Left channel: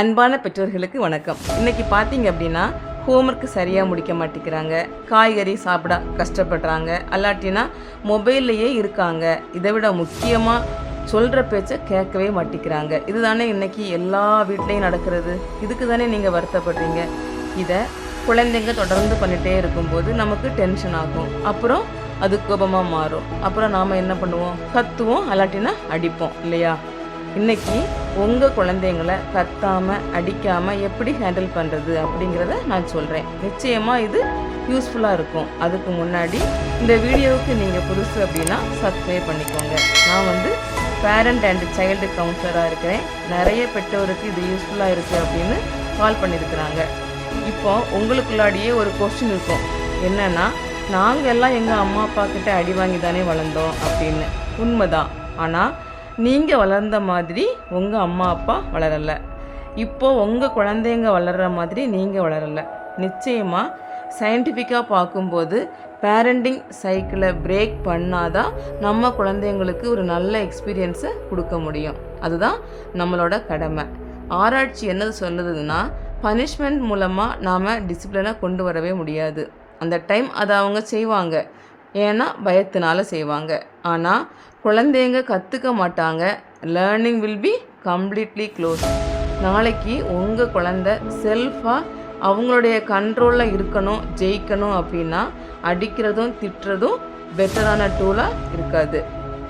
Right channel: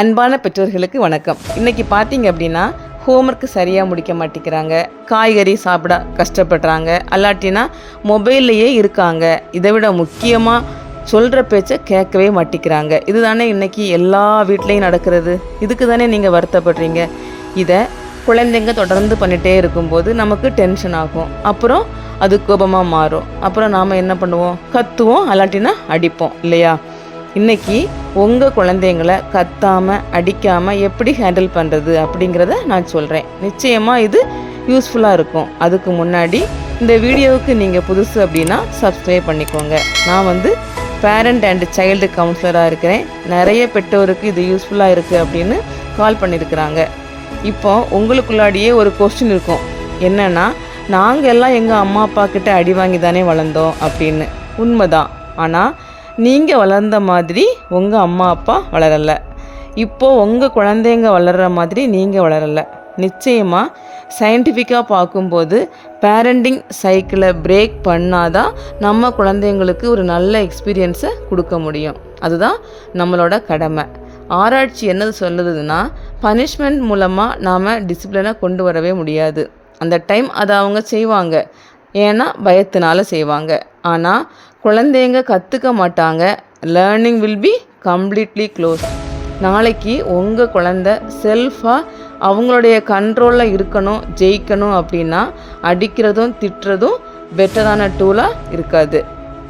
அன்பான பெற்றோர்களுக்கு வணக்கம். இன்றைக்கி பார்த்தீங்க அப்படின்னா ஹோம்ஒர்க்கு சரியாக முடிக்க மாட்டேங்கிறாங்க, காய்கறி சாப்பிட கஷ்டப்படுறாங்க, அல்லாட்டினா மொபைல்லையே இருக்காங்க. இதை விட முக்கியமாக சொல்கிற பேச்சை கேட்கவே மாட்டேங்கிறாங்க. இது தானே இன்றைக்கி எல்லா வீட்லேயும் நடக்கிறது. இதுக்கு தானே நீங்கள் வருத்தப்படுறீங்க. இதை குழந்தைங்க தொடர்ந்து பண்ணிகிட்டே இருக்கும்போது நமக்கு டென்ஷன் ஆகும். அப்புறம் அது கோபமாக மாறும். அப்புறம் நாம் என்ன பண்ணுவோம்? கத்துவோம், அல்லாட்டினா அடிப்போம் இல்லையா? இன்றைக்கி உங்கள் குழந்தைங்களை கத்தாமல் அடிக்காமல் எப்படி ஹேண்டில் பண்ணுறது அப்படிங்கிறத நான் சொல்கிறேன். நிச்சயமாக இது யூஸ்ஃபுல்லாக இருக்கும். அதுக்கு முன்னாடி இந்த வீடியோவுக்கு நீங்கள் புதுசு அப்படின்னா சப்ஸ்கிரைப் பண்ணிக்கோங்க. நான் பேரண்ட் அண்ட் சைல்டு கவுன்சிலராக இருக்கிறேன். நிறைய பெற்றோருக்கு இது யூஸ்ஃபுல்லாக இருக்குது அப்படின்னு கால் பண்ணியிருக்கிறாங்க. இப்போ உங்களுக்குள்ளாடியே ஒரு கொஸ்டின் இருக்கும், என்னென்னா நாங்கள் எல்லாம் எங்கள் அம்மா அப்பா கிட்ட அடி வாங்கி தானே வளர்ந்தோம் அப்படின்னு. உண்மைதான். ஆனால் நீங்கள் வளர்ந்த மாதிரி உங்கள் அம்மா அப்பா வளரலை. இப்போது உங்கள் குழந்தைங்க வளர்கிற மாதிரி நீங்கள் வளரலை. நிச்சயமாக சயின்டிஃபிக்காக பார்க்கும்போது பேரண்டிங் சைக்கிளை பிரேக் பண்ணாதான் நம்ம குழந்தைங்களுக்கு ஒரு நல்ல எக்ஸ்பீரியன்ஸை கொடுக்க முடியும். அதுதான் நம்மளோட கடமை. ஆராய்ச்சி என்னது சொல்லுதுன்னா, பனிஷ்மெண்ட் மூலமாக நாம் டிசிப்ளினை கொண்டு வரவே முடியாது. அந்த டைம் அதை அவங்க செய்வாங்க, ஏன்னா பயத்தினால செய்வாங்க. ஆனால் குழந்தைங்க கற்றுக்க மாட்டாங்க. Learning will be completely close. நாளைக்கு உங்கள் குழந்தை செல்ஃபாக அவங்களுடைய கண்ட்ரோலில் இருக்கணும், ஜெயிக்கணும் அப்படின்னா அடிக்கிறதும் திட்டுறதும் பெட்டரான டூலாக இருக்காது.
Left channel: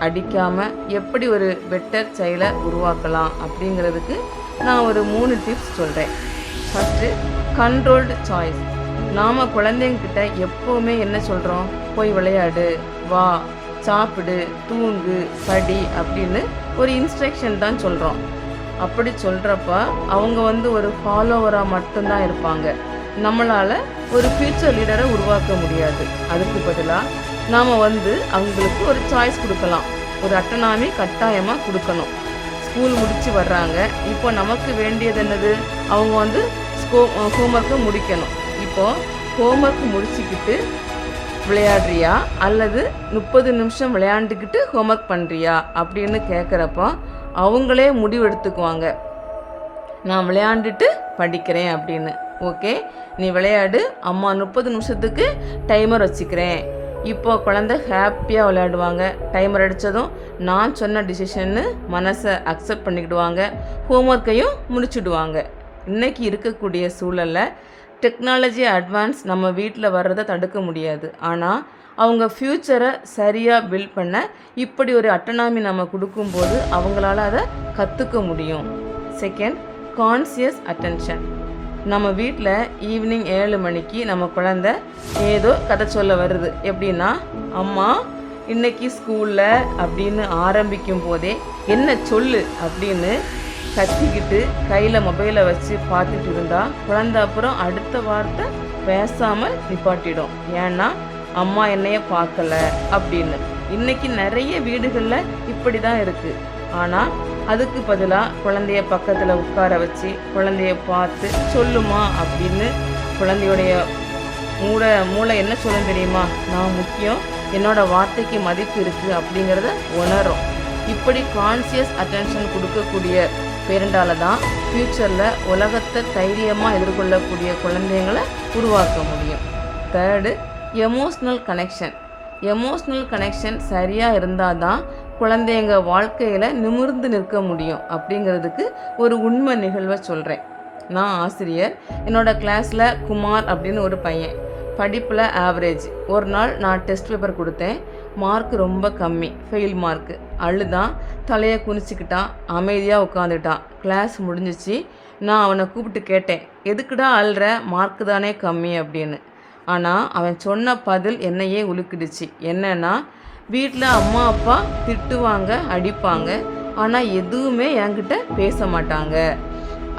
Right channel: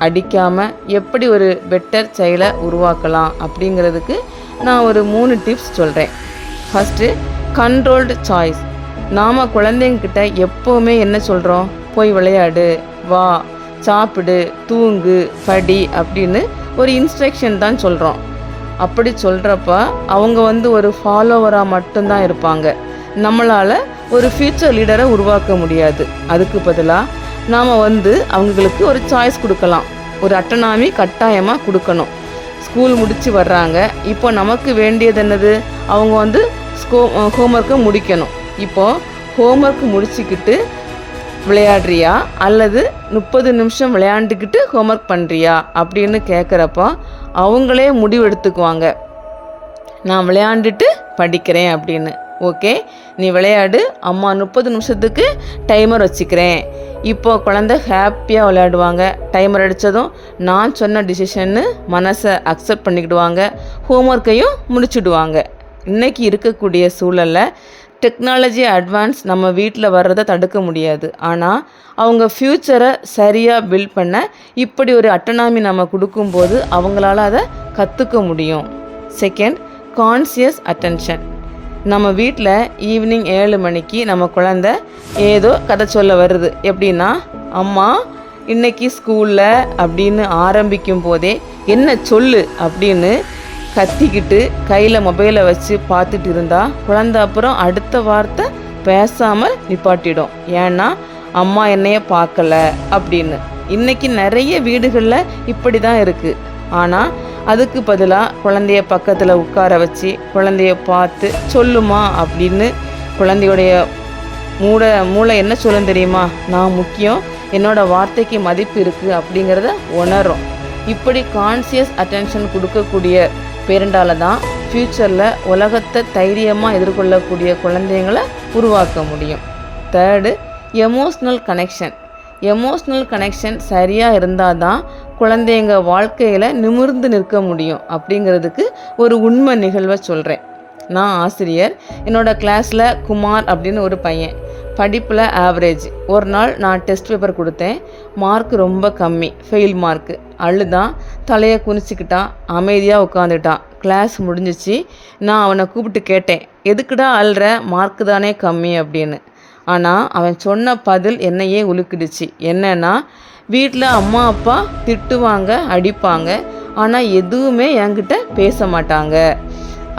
அடிக்காமல் எப்படி ஒரு பெட்டர் சைல்டை உருவாக்கலாம் அப்படிங்கிறதுக்கு நான் ஒரு 3 டிப்ஸ் சொல்கிறேன். First, controlled choice. நாம் குழந்தைங்கிட்ட எப்போவுமே என்ன சொல்கிறோம்? போய் விளையாடு, வா, சாப்பிடு, தூங்கு, படி அப்படின்னு ஒரு இன்ஸ்ட்ரக்ஷன் தான் சொல்கிறோம். அப்படி சொல்கிறப்ப அவங்க ஒரு ஃபாலோவராக மட்டும்தான் இருப்பாங்க. நம்மளால் ஒரு ஃப்யூச்சர் லீடரை உருவாக்க முடியாது. அதுக்கு பதிலாக நாம் அவங்களுக்கு ஒரு சாய்ஸ் கொடுக்கலாம். ஒரு அட்டனாமி கட்டாயமாக கொடுக்கணும். ஸ்கூல் முடித்து வர்றாங்க, இப்போ நமக்கு வேண்டியது என்னது? அவங்க ஹோம்ஒர்க்கை முடிக்கணும். இப்போது ஹோம்ஒர்க் முடிச்சுக்கிட்டு விளையாடுறியா அல்லது 30 நிமிஷம் விளையாண்டுக்கிட்டு ஹோம்ஒர்க் பண்ணுறியா அப்படின்னு கேட்குறப்ப அவங்களே முடிவு எடுத்துக்குவாங்க, நான் விளையாண்டுட்டு படிக்கிறேன் அப்படின்னு. ஓகே, நீ விளையாடு, அம்மா 30 நிமிஷத்துக்கு டைமர் வச்சுக்கிறேன். இப்போ குழந்தை ஹாப்பியாக விளையாடுவாங்க. டைமர் அடித்ததும் நான் சொன்ன டிசிஷன்னு மனசை அக்செப்ட் பண்ணிக்கிடுவாங்க, ஹோம்ஒர்க்கையும் முடிச்சுடுவாங்க. இன்றைக்கி இருக்கக்கூடிய சூழலில் டெக்னாலஜி அட்வான்ஸ் நம்ம வீட்டில் வர்றதை தடுக்க முடியாது. ஆனால் அவங்க ஃப்யூச்சரை சரியாக பில்ட் பண்ண இப்படி ஒரு அட்டனாமி நம்ம கொடுக்கும்போது அவங்களால அதை கற்றுக்க முடியும். Second, conscious attention. நம்ம வீட்டில் ஈவினிங் 7 மணிக்கு நம்ம குழந்தை ஏதோ கதை சொல்ல வருது. எப்படின்னா, அம்மா இன்னைக்கு ஸ்கூலில் அப்படின்னு ஆரம்பிக்கும் போதே என்ன சொல்லு அப்படின்னு கத்திக்கிட்டு கையில் மொபைலை வச்சு பார்த்துட்டு இருந்தால் குழந்தை அப்புறம் அடுத்த வார்த்தை பேசாமல் நிப்பாட்டிடும். ஏன்னா அம்மா என்னைய பார்க்கல அப்படின்னு. இன்றைக்கி நிறைய வீடுகளில் இப்படி தான் இருக்குது. ஆனால் அதுக்கு பதிலாக குழந்தைய பக்கத்தில் உட்கார வச்சு குழந்தைய பார்த்து சொல்லுமா அப்படின்னு குழந்தையுடைய மூளை என்ன சொல்லும் தெரியுமா? நான் முக்கியம், என்னோடய வார்த்தைக்கு மதிப்பு இருக்குது அப்படிங்கிறத உணரும். இப்படி கான்சியஸ் அட்டென்ஷன் கொடுக்கக்கூடிய பேரண்டால் தான் ஃப்யூச்சரில் உலகத்தை தைரியமாக எதிர்கொள்ளக்கூடிய குழந்தைங்களை உருவாக்க முடியும். Third, emotional connection. Emotional connection சரியாக இருந்தால் தான் குழந்தைங்க வாழ்க்கையில் நிமிர்ந்து நிற்க முடியும். அப்படிங்கிறதுக்கு ஒரு உண்மை நிகழ்வை சொல்கிறேன். நான் ஆசிரியர். என்னோடய கிளாஸில் குமார் அப்படின்னு ஒரு பையன், படிப்பில் ஆவரேஜ். ஒரு நாள் நான் டெஸ்ட் பேப்பர் கொடுத்தேன், மார்க் ரொம்ப கம்மி, ஃபெயில் மார்க்கு. அழுதான், தலையை குனிச்சிக்கிட்டான், அமைதியாக உட்காந்துட்டான். கிளாஸ் முடிஞ்சிச்சு. நான் அவனை கூப்பிட்டு கேட்டேன், எதுக்குடா அழுற? மார்க்கு தானே கம்மி அப்படின்னு. ஆனால் அவன் சொன்ன பதில் என்னையே உலுக்கிடுச்சு. என்னன்னா, வீட்டில் அம்மா அப்பா திட்டுவாங்க, அடிப்பாங்க, ஆனால் எதுவுமே என்கிட்ட பேச மாட்டாங்க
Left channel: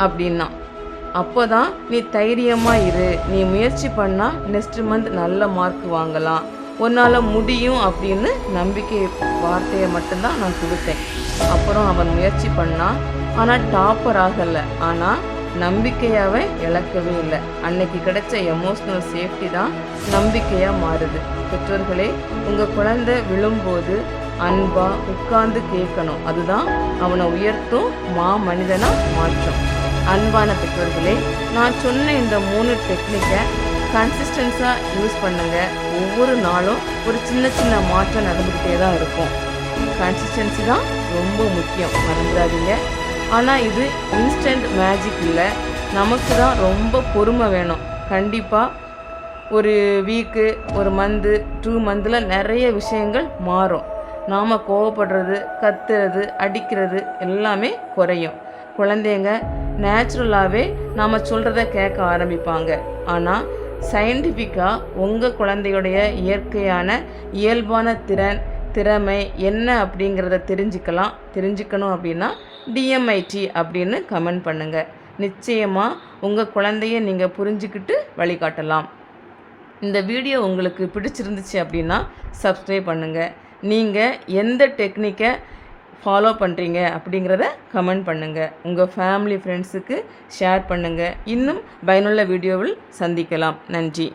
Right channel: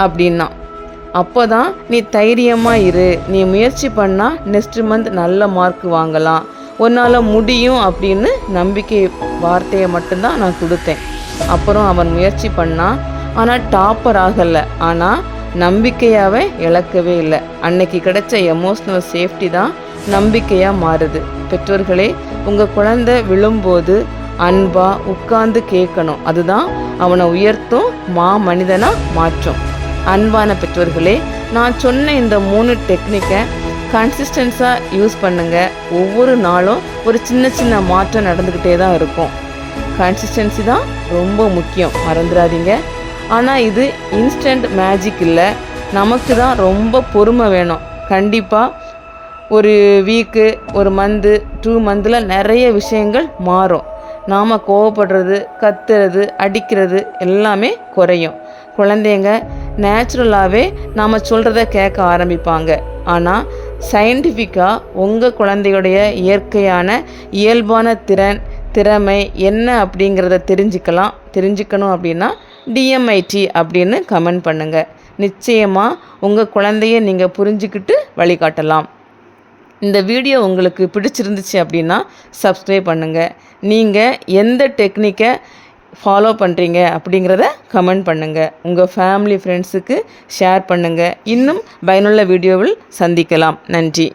அப்படின்னா. அப்போ தான், நீ தைரியமாக இரு, நீ முயற்சி பண்ணால் நெக்ஸ்ட் மந்த் நல்ல மார்க் வாங்கலாம், உன்னால் முடியும் அப்படின்னு நம்பிக்கை வார்த்தையை மட்டும்தான் நான் கொடுத்தேன். அப்புறம் அவன் முயற்சி பண்ணான், ஆனால் டாப்பர் ஆகலை. ஆனால் நம்பிக்கையாகவே இழக்கவே இல்லை. அன்னைக்கு கிடைச்ச எமோஷ்னல் சேஃப்டி தான் நம்பிக்கையாக மாறுது. பெற்றோர்களே, உங்கள் குழந்தை விழும்போது அன்பாக உட்கார்ந்து கேட்கணும். அதுதான் அவனை உயர்த்தும், மனிதனாக மாற்றும். அன்பான பெற்றோர்களே, நான் சொன்ன இந்த 3 டெக்னிக்கை கன்சிஸ்டன்ஸாக யூஸ் பண்ணுங்கள். ஒவ்வொரு நாளும் ஒரு சின்ன சின்ன மாற்றம் நடந்துக்கிட்டே தான் இருக்கும். கன்சிஸ்டன்சி தான் ரொம்ப முக்கியம், மறந்துடாதீங்க. ஆனால் இது இன்ஸ்டன்ட் மேஜிக் இல்லை, நமக்கு தான் ரொம்ப பொறுமை வேணும். கண்டிப்பாக ஒரு வீக்கு, ஒரு மந்த்து, 2 மந்தில் நிறைய விஷயங்கள் மாறும். நாம் கோவப்படுறது, கத்துறது, அடிக்கிறது எல்லாமே குறையும். குழந்தைங்க நேச்சுரலாகவே நாம் சொல்கிறத கேட்க ஆரம்பிப்பாங்க. ஆனால் சயின்டிஃபிக்காக உங்கள் குழந்தையுடைய இயற்கையான இயல்பான திறமை என்ன அப்படிங்கிறத தெரிஞ்சுக்கணும் அப்படின்னா DMIT அப்படின்னு கமெண்ட் பண்ணுங்கள். நிச்சயமாக உங்கள் குழந்தைய நீங்கள் புரிஞ்சுக்கிட்டு வழிகாட்டலாம். இந்த வீடியோ உங்களுக்கு பிடிச்சிருந்துச்சு அப்படின்னா சப்ஸ்கிரைப் பண்ணுங்கள். நீங்கள் எந்த டெக்னிக்கை ஃபாலோ பண்ணுறீங்க அப்படிங்கிறத கமெண்ட் பண்ணுங்கள். உங்கள் ஃபேமிலி ஃப்ரெண்ட்ஸுக்கு ஷேர் பண்ணுங்கள். இன்னும் பயனுள்ள வீடியோவில் சந்திக்கலாம். நன்றி.